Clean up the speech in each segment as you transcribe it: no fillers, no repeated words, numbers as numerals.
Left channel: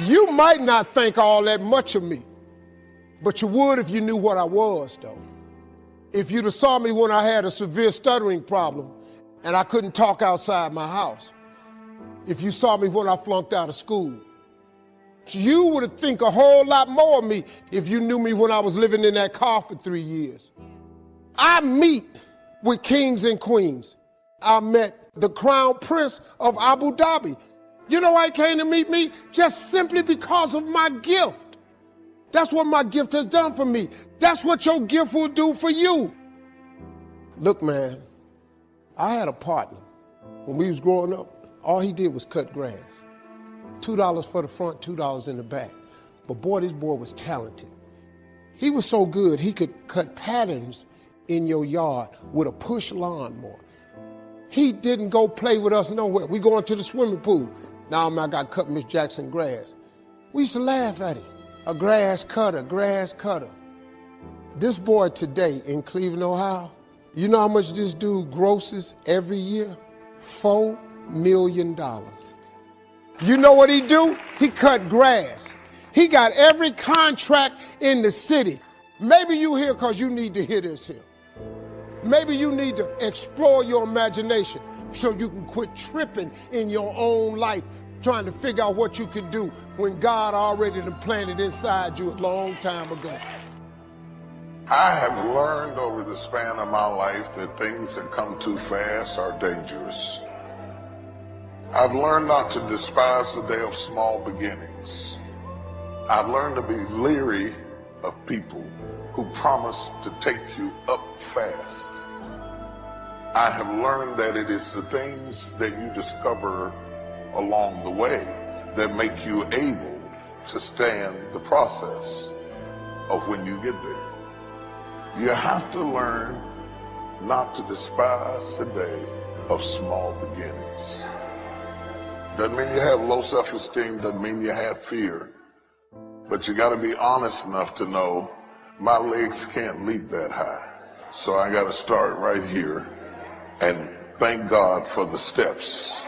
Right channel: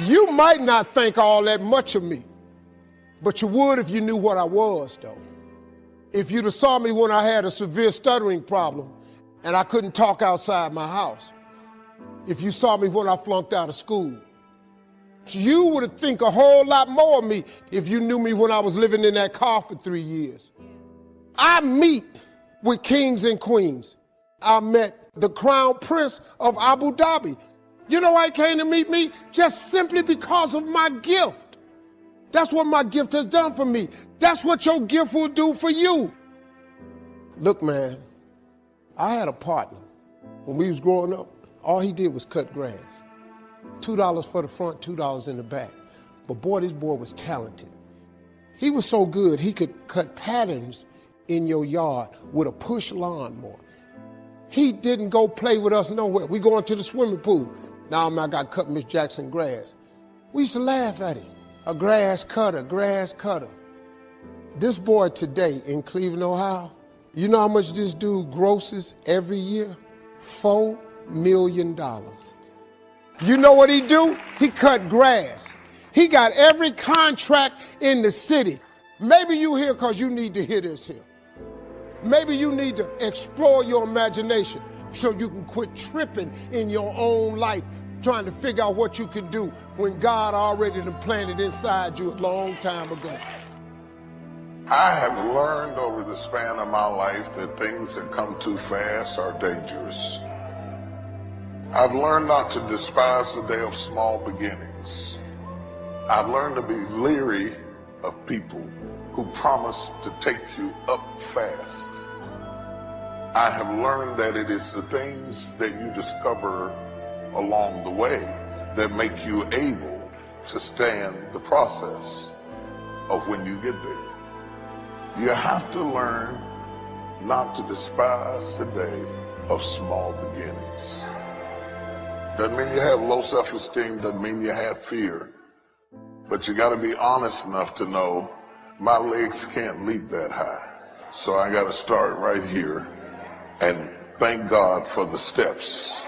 You might not think all that much of me, but you would if you knew what I was, though. If you'd have saw me when I had a severe stuttering problem and I couldn't talk outside my house. If you saw me when I flunked out of school. You would have think a whole lot more of me if you knew me when I was living in that car for 3 years. I meet with kings and queens. I met the crown prince of Abu Dhabi. You know why he came to meet me? Just simply because of my gift. That's what my gift has done for me. That's what your gift will do for you. Look, man, I had a partner. When we was growing up, all he did was cut grass. $2 for the front, $2 in the back. But boy, this boy was talented. He was so good, he could cut patterns in your yard with a push lawnmower. He didn't go play with us nowhere. We going to the swimming pool. Now I got to cut Miss Jackson grass. We used to laugh at him. A grass cutter, grass cutter. This boy today in Cleveland, Ohio, you know how much this dude grosses every year? $4 million. You know what he do? He cut grass. He got every contract in the city. Maybe you here because you need to hear this here. Maybe you need to explore your imagination so you can quit tripping in your own life, trying to figure out what you can do when God already done planted inside you a long time ago. I have learned over the span of my life that things that come too fast are dangerous. I've learned not to despise the day of small beginnings. I've learned to be leery of people who promise to take you up fast. I have learned that it is the things that you discover along the way that make you able to stand the process of when you get there. You have to learn not to despise the day of small beginnings. Doesn't mean you have low self-esteem, doesn't mean you have fear, but you got to be honest enough to know my legs can't leap that high. So I got to start right here and thank God for the steps.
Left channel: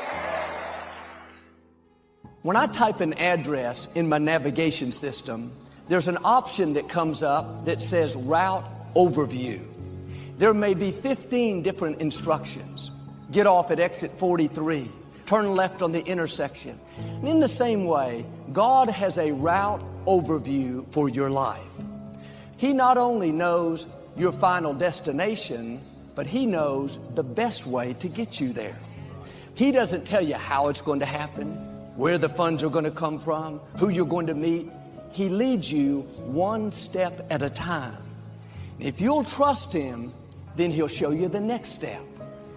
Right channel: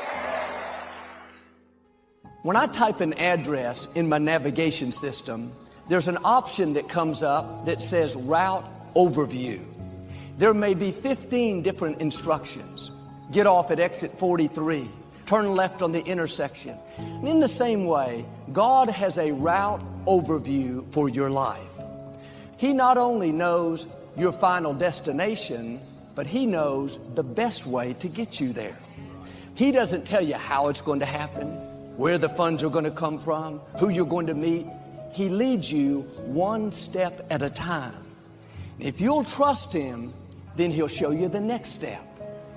When I type an address in my navigation system, there's an option that comes up that says Route Overview. There may be 15 different instructions. Get off at exit 43. Turn left on the intersection. And in the same way, God has a route overview for your life. He not only knows your final destination, but He knows the best way to get you there. He doesn't tell you how it's going to happen, where the funds are going to come from, who you're going to meet. He leads you one step at a time. If you'll trust Him, then He'll show you the next step.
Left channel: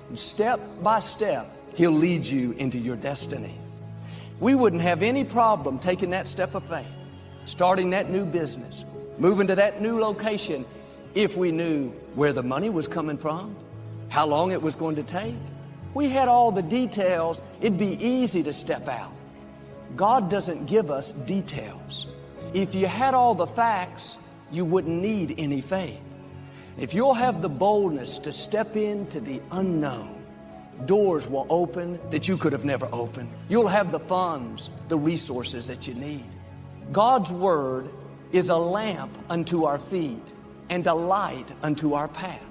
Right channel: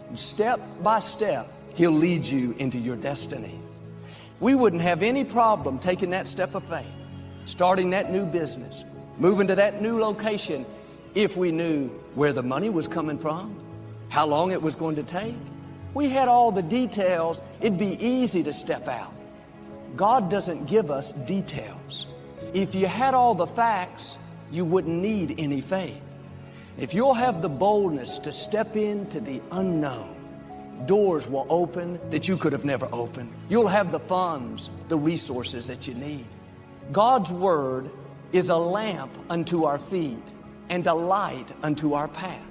And step by step, He'll lead you into your destiny. We wouldn't have any problem taking that step of faith, starting that new business, moving to that new location, if we knew where the money was coming from, how long it was going to take. We had all the details, it'd be easy to step out. God doesn't give us details. If you had all the facts, you wouldn't need any faith. If you'll have the boldness to step into the unknown, doors will open that you could have never opened. You'll have the funds, the resources that you need. God's Word is a lamp unto our feet and a light unto our path.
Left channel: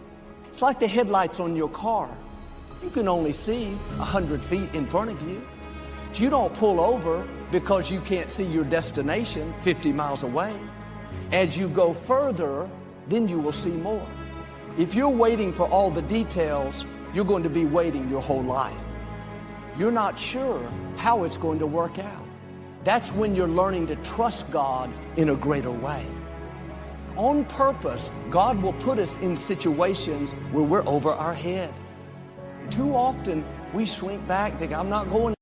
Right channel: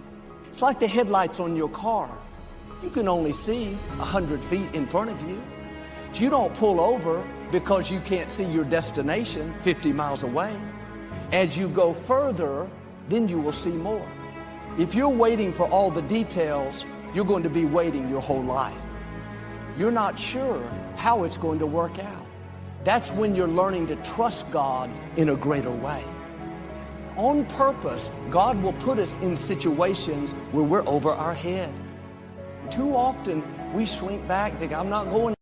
It's like the headlights on your car. You can only see 100 feet in front of you. You don't pull over because you can't see your destination 50 miles away. As you go further, then you will see more. If you're waiting for all the details, you're going to be waiting your whole life. You're not sure how it's going to work out. That's when you're learning to trust God in a greater way. On purpose, God will put us in situations where we're over our head. Too often, we shrink back, think, I'm not going.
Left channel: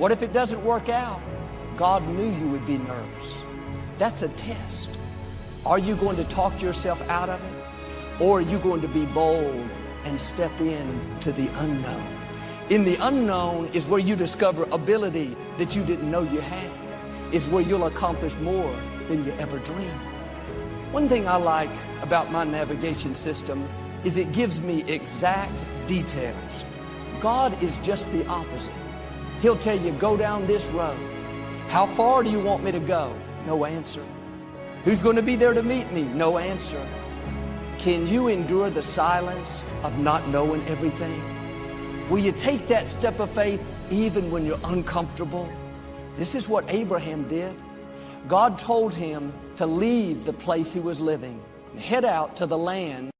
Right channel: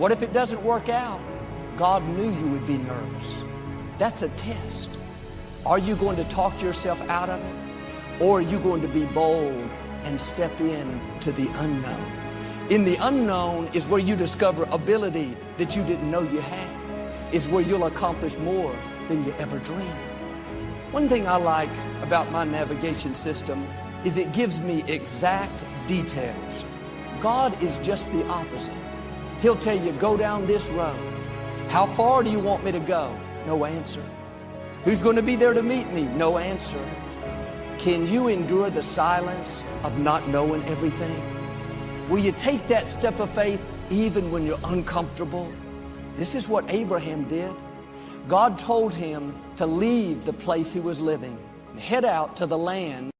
What if it doesn't work out? God knew you would be nervous. That's a test. Are you going to talk yourself out of it? Or are you going to be bold and step in to the unknown? In the unknown is where you discover ability that you didn't know you had. Is where you'll accomplish more than you ever dreamed. One thing I like about my navigation system is it gives me exact details. God is just the opposite. He'll tell you, go down this road. How far do you want me to go? No answer. Who's going to be there to meet me? No answer. Can you endure the silence of not knowing everything? Will you take that step of faith even when you're uncomfortable? This is what Abraham did. God told him to leave the place he was living and head out to the land.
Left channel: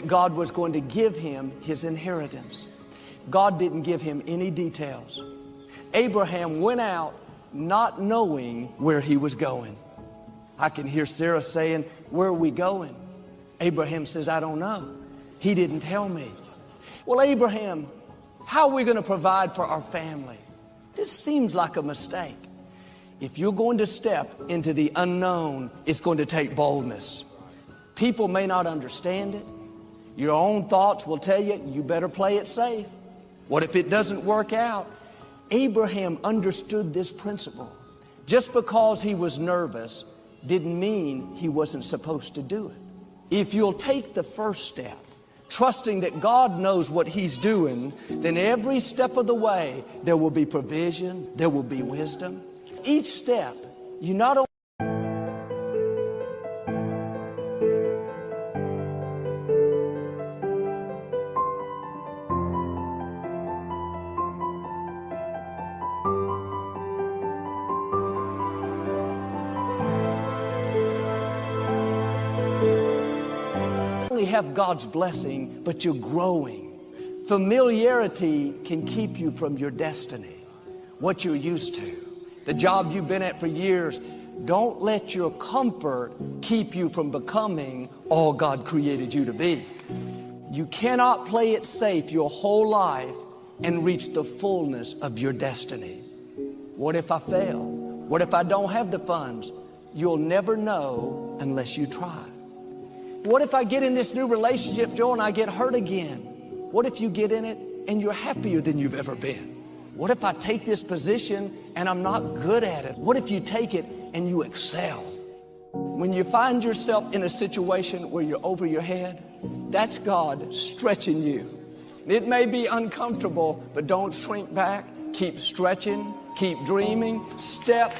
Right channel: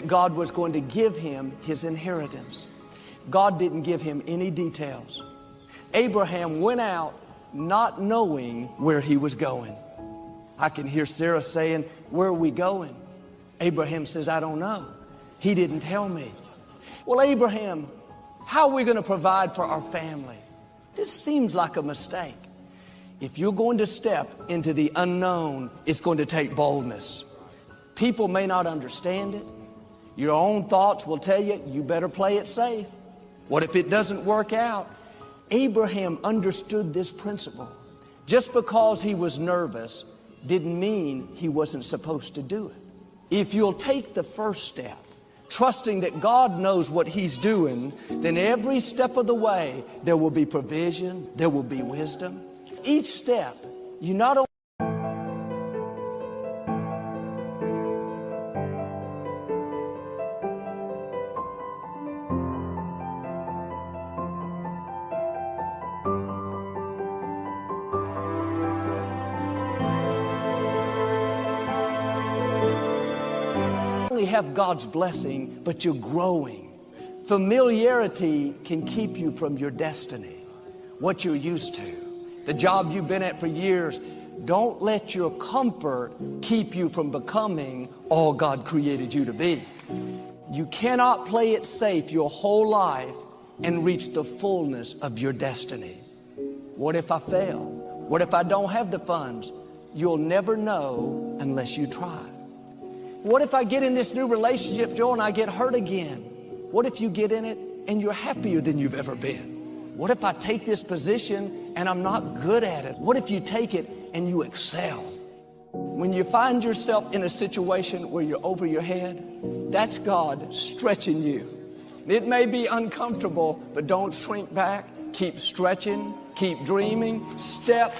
that God was going to give him his inheritance. God didn't give him any details. Abraham went out not knowing where he was going. I can hear Sarah saying, "Where are we going?" Abraham says, "I don't know. He didn't tell me." Well, Abraham, how are we going to provide for our family? This seems like a mistake. If you're going to step into the unknown, it's going to take boldness. People may not understand it. Your own thoughts will tell you, you better play it safe. What if it doesn't work out? Abraham understood this principle. Just because he was nervous didn't mean he wasn't supposed to do it. If you'll take the first step, trusting that God knows what He's doing, then every step of the way, there will be provision, there will be wisdom. Each step, you not only have God's blessing, but you're growing. Familiarity can keep you from your destiny, what you're used to, the job you've been at for years. Don't let your comfort keep you from becoming all God created you to be. You cannot play it safe your whole life and reach the fullness of your destiny. What if I fail? What if I don't have the funds? You'll never know unless you try. What if I get in this new relationship, Joe, and I get hurt again? What if you get in it and you're happier than you've ever been? What if I take this position and I'm not good at it? What if you take it and you excel? When you find yourself in a situation where you're over your head, that's God stretching you. It may be uncomfortable, but don't shrink back. Keep stretching, keep dreaming, step.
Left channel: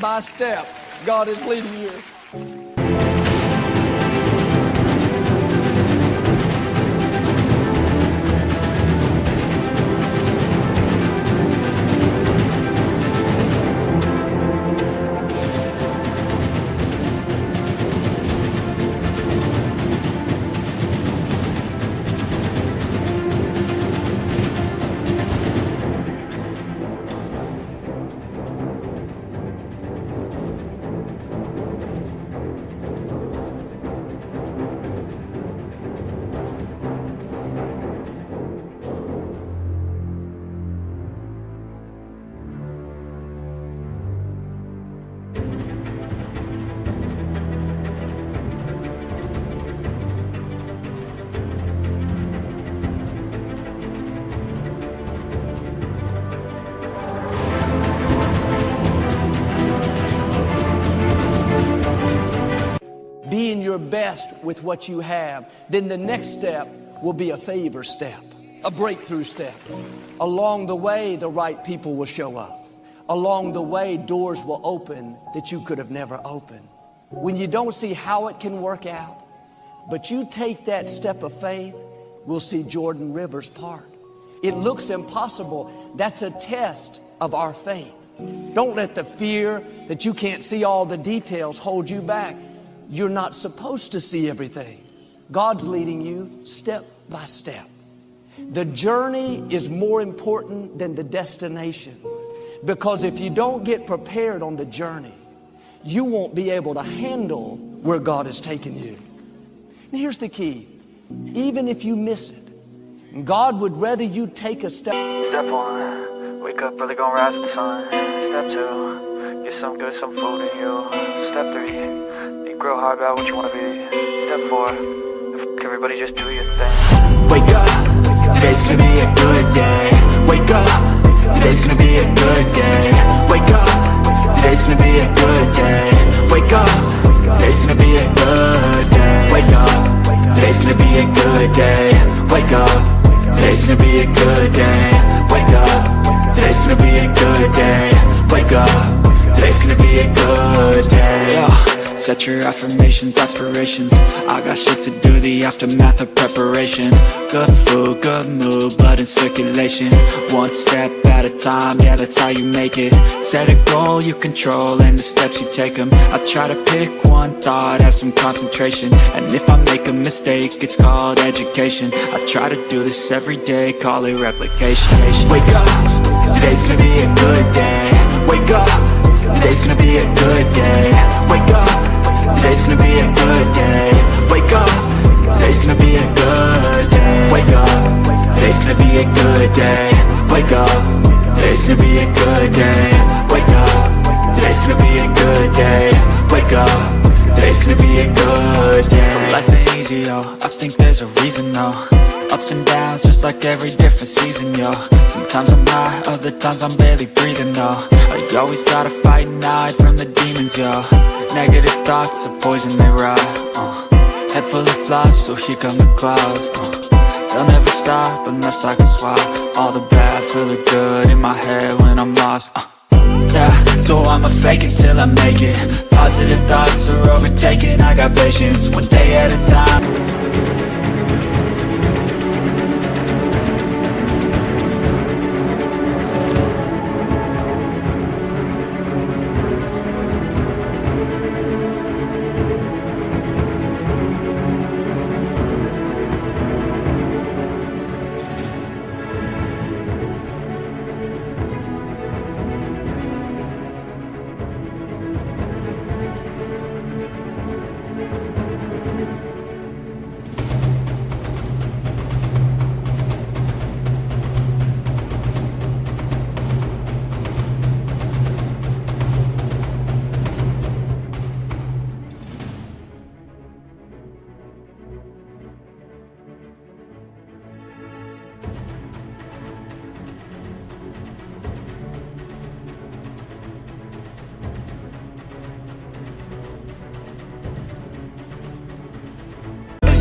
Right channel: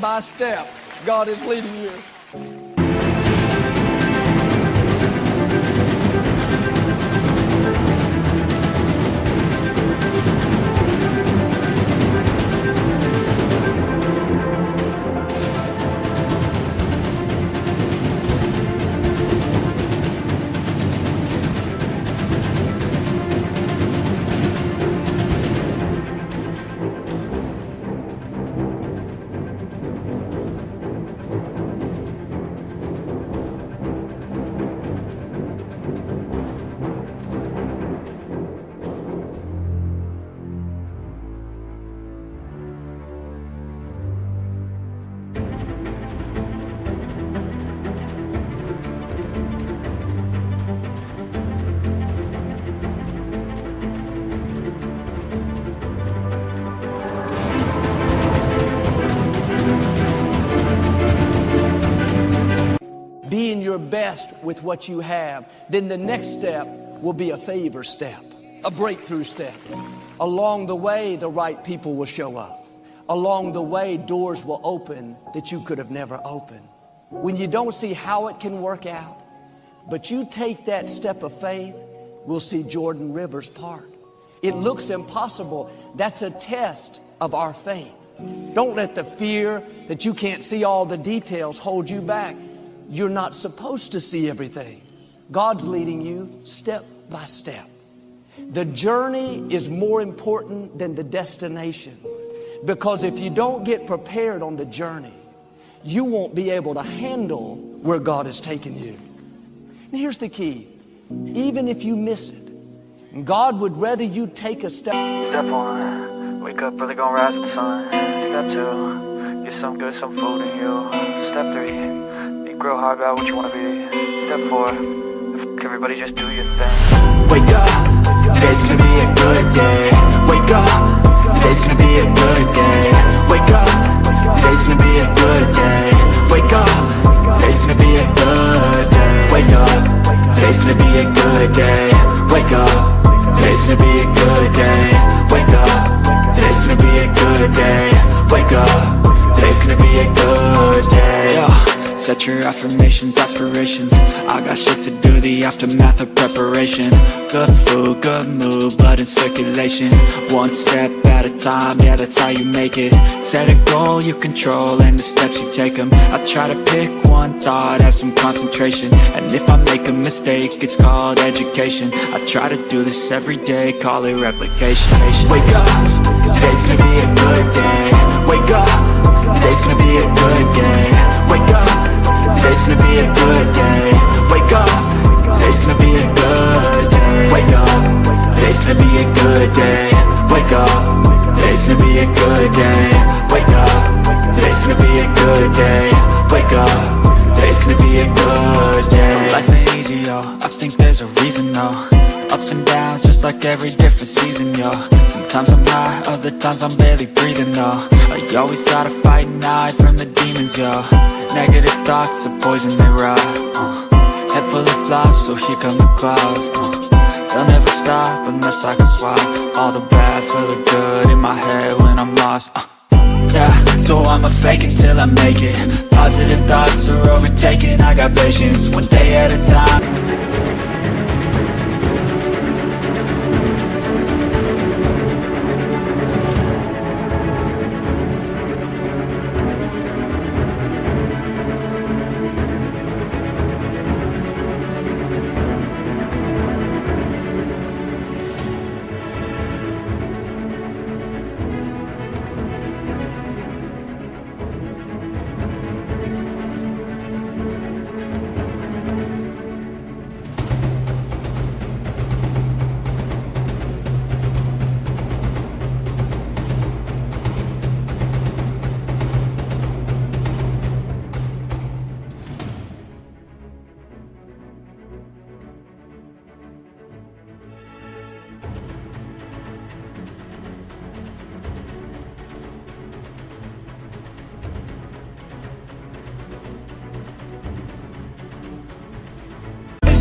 By step, God is leading you. Being your best with what you have, then the next step will be a favor step, a breakthrough step. Along the way, the right people will show up. Along the way, doors will open that you could have never opened. When you don't see how it can work out, but you take that step of faith, we'll see Jordan Rivers part. It looks impossible. That's a test of our faith. Don't let the fear that you can't see all the details hold you back. You're not supposed to see everything. God's leading you step by step. The journey is more important than the destination, because if you don't get prepared on the journey, you won't be able to handle where God is taking you. And here's the key. Even if you miss it, God would rather you take a step. Step 1, wake up early, gonna rise with the sun. Step 2, get some good, some food in you. Step 3, think real hard about what you wanna be. Step 4, everybody just do your thing. Wake up, today's gonna be a good day. Wake up, today's gonna be a good day. Wake up, today's gonna be a good day. Wake up, today's gonna be a good day. Wake up, today's gonna be a good day. Wake up, today's gonna be a good day. Wake up, today's gonna be a good day. Wake up, today's gonna be a good day. Yeah. Set your affirmations, aspirations. I got shit to do, the aftermath of preparation. Good food, good mood, blood in circulation. One step at a time, yeah, that's how you make it. Set a goal you control and the steps you take them. I try to pick one thought, have some concentration. And if I make a mistake, it's called education. I try to do this every day, call it replication. Wake up, today's gonna be a good day. Wake up, today's gonna be a good day. Wake up, today's gonna be a good day. Wake up, today's gonna be a good day. Wake up, today's gonna be a good day. Wake up, today's gonna be a good day. Wake up, today's gonna be a good day. Wake up, today's gonna be a good day. So life ain't easy, yo, I think there's a reason, though. Ups and downs, just like every different season, yo. Sometimes I'm high, other times I'm barely breathing, though. I always gotta fight and hide from the demons, yo. Negative thoughts are poison, they rot. Head full of flies, so here come the clouds. They'll never stop unless I can swap all the bad for the good in my head when I'm lost. Yeah, so I'ma fake it till I make it. Positive thoughts are overtaken, I got patience, one day at a time.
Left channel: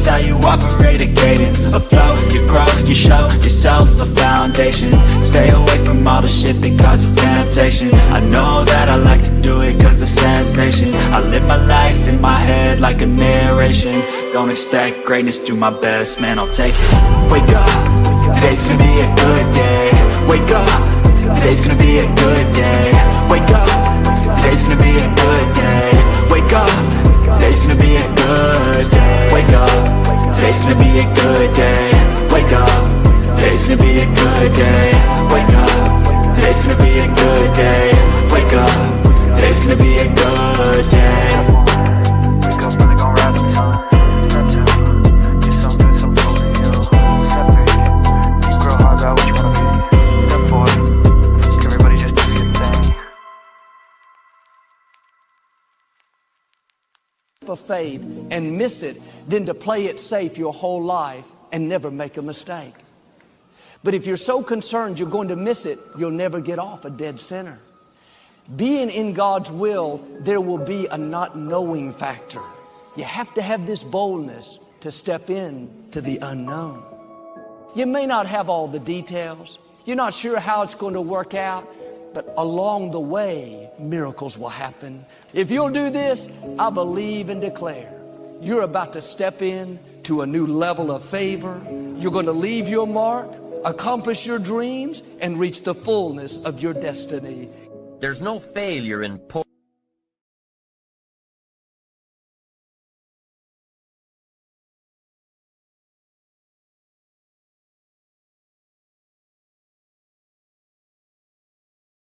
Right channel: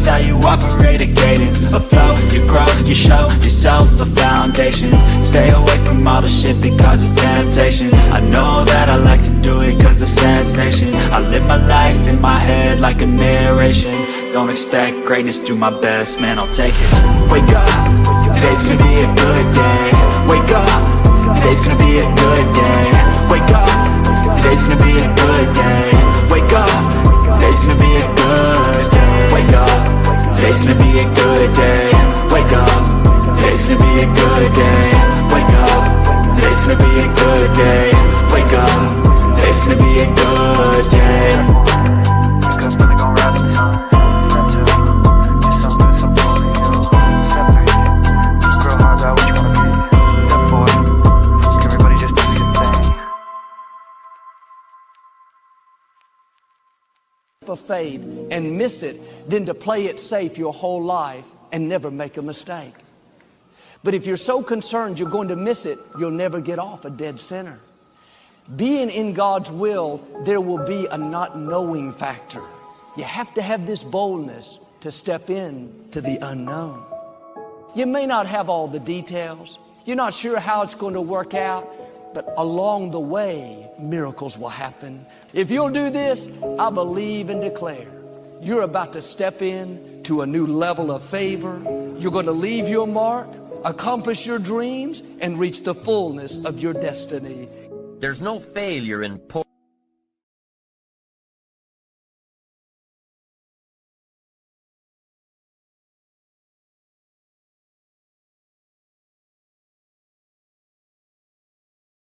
How you operate a cadence, a flow, you grow, you show yourself a foundation. Stay away from all the shit that causes temptation. I know that I like to do it cause it's sensation. I live my life in my head like a narration. Don't expect greatness, do my best, man, I'll take it. Wake up, today's gonna be a good day. Wake up, today's gonna be a good day. Wake up, today's gonna be a good day. Wake up, today's gonna be a good day. Wake up, today's gonna be a good day. Wake up, today's gonna be a good day. Wake up, today's gonna be a good day. Wake up, today's gonna be a good day. Wake up early, gonna rise with the sun. Step 2, get some good, some food in you. Step 3, think real hard about what you wanna be. Step 4, everybody just do your thing. Of faith and miss it than to play it safe your whole life and never make a mistake. But if you're so concerned you're going to miss it, you'll never get off a dead center. Being in God's will, there will be a not knowing factor. You have to have this boldness to step in to the unknown. You may not have all the details. You're not sure how it's going to work out, but along the way, miracles will happen. If you'll do this, I believe and declare you're about to step in to a new level of favor. You're going to leave your mark accomplish your dreams, and reach the fullness of your destiny. There's no failure in poor